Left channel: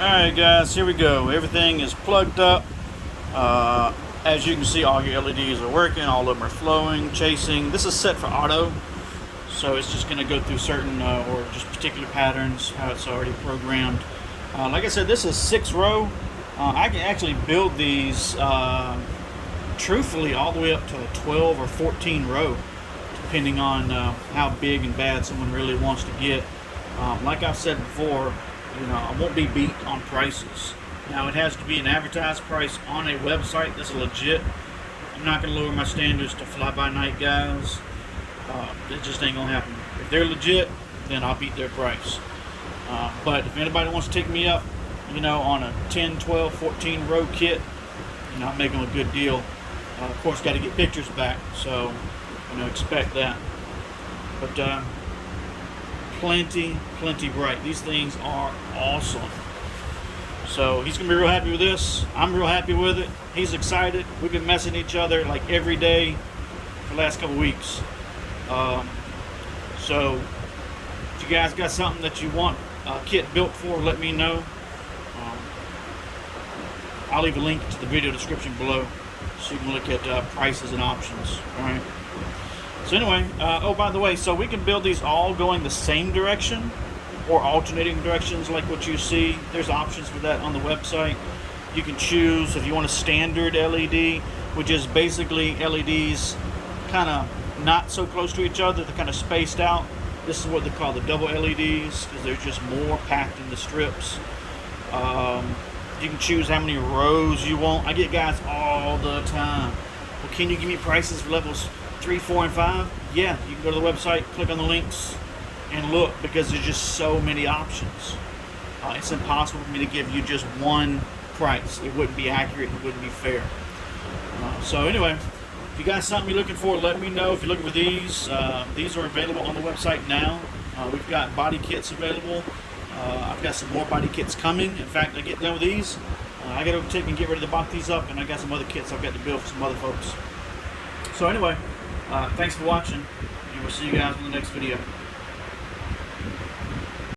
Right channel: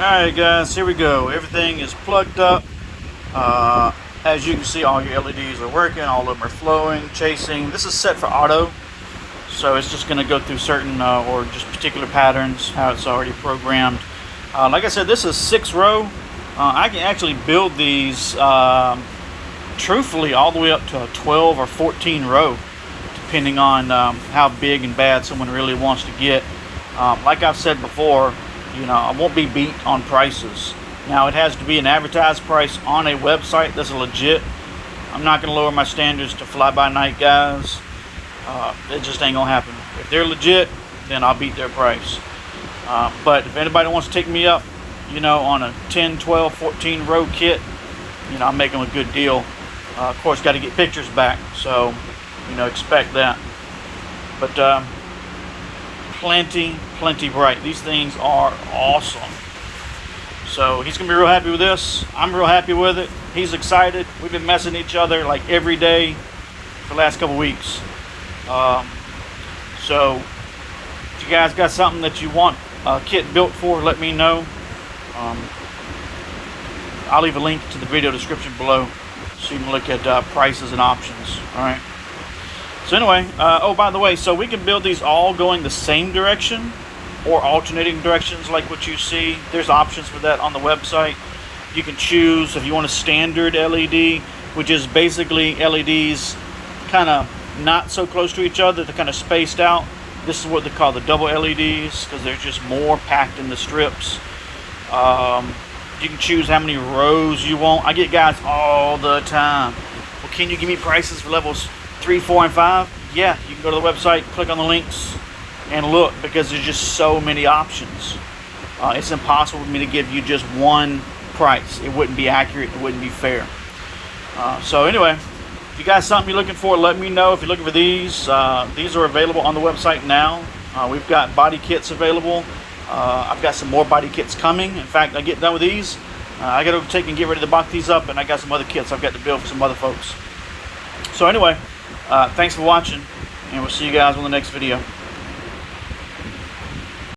Alright guys, here we go. Everything is plugged up. As you can see, all your LEDs are working, all of them are flowing, chasing. This is set for auto, so it's just going to go through certain or just particular patterns, how it's already programmed. Like I said, this is 6-row. I can actually build these truthfully all the way up to a 12 or 14 row, depending on how big and bad someone really wants to get. Like I've said before, you know, I won't be beat on prices. Now, it has to be an advertised price on a website that's legit. I'm not going to lower my standards to fly-by-night guys. It just ain't going to happen. If they're legit, then I'll beat their price. But if anybody wants to take me up, you know, on a 10, 12, 14 row kit, you know, I'll make them a good deal. Of course, got to get pictures back, so, you know, expect that. But plenty bright. These things are awesome. So he's gonna be real happy with this. I'm real happy with it. He's excited. We've been messing each other like every day for the last couple weeks. So if you guys got something that you want a kit built for, let me know. I'll leave a link to the video description below so you can look at prices and options. All right. So anyway, oh, by the way, so we can build these all going the same direction or alternating directions like what you see. There's options for that on the website. You can choose if you want a standard LED, which is basically LEDs kind of not so close to each other, they're kind of spaced out. This is what they call the double LEDs because they're just more packed in the strips. You can choose how many rows you want. I get guys all the time, well, can you give me prices for levels 3, 4, and 5? Yeah, you can go to the website, click on the links, and look, because there's just so many options. It's impossible for me to give you just one price. It wouldn't be accurate. It wouldn't be fair. So anyway, if you got something you're looking for, let me know. If you're looking for these are available on the website now. We've got body kits available. I've got some more body kits coming. In fact, I get done with these, I got to take and get ready to box these up, and I got some other kits I've got to build for some other folks. So anyway, thanks for watching, and we'll see you guys on the next video.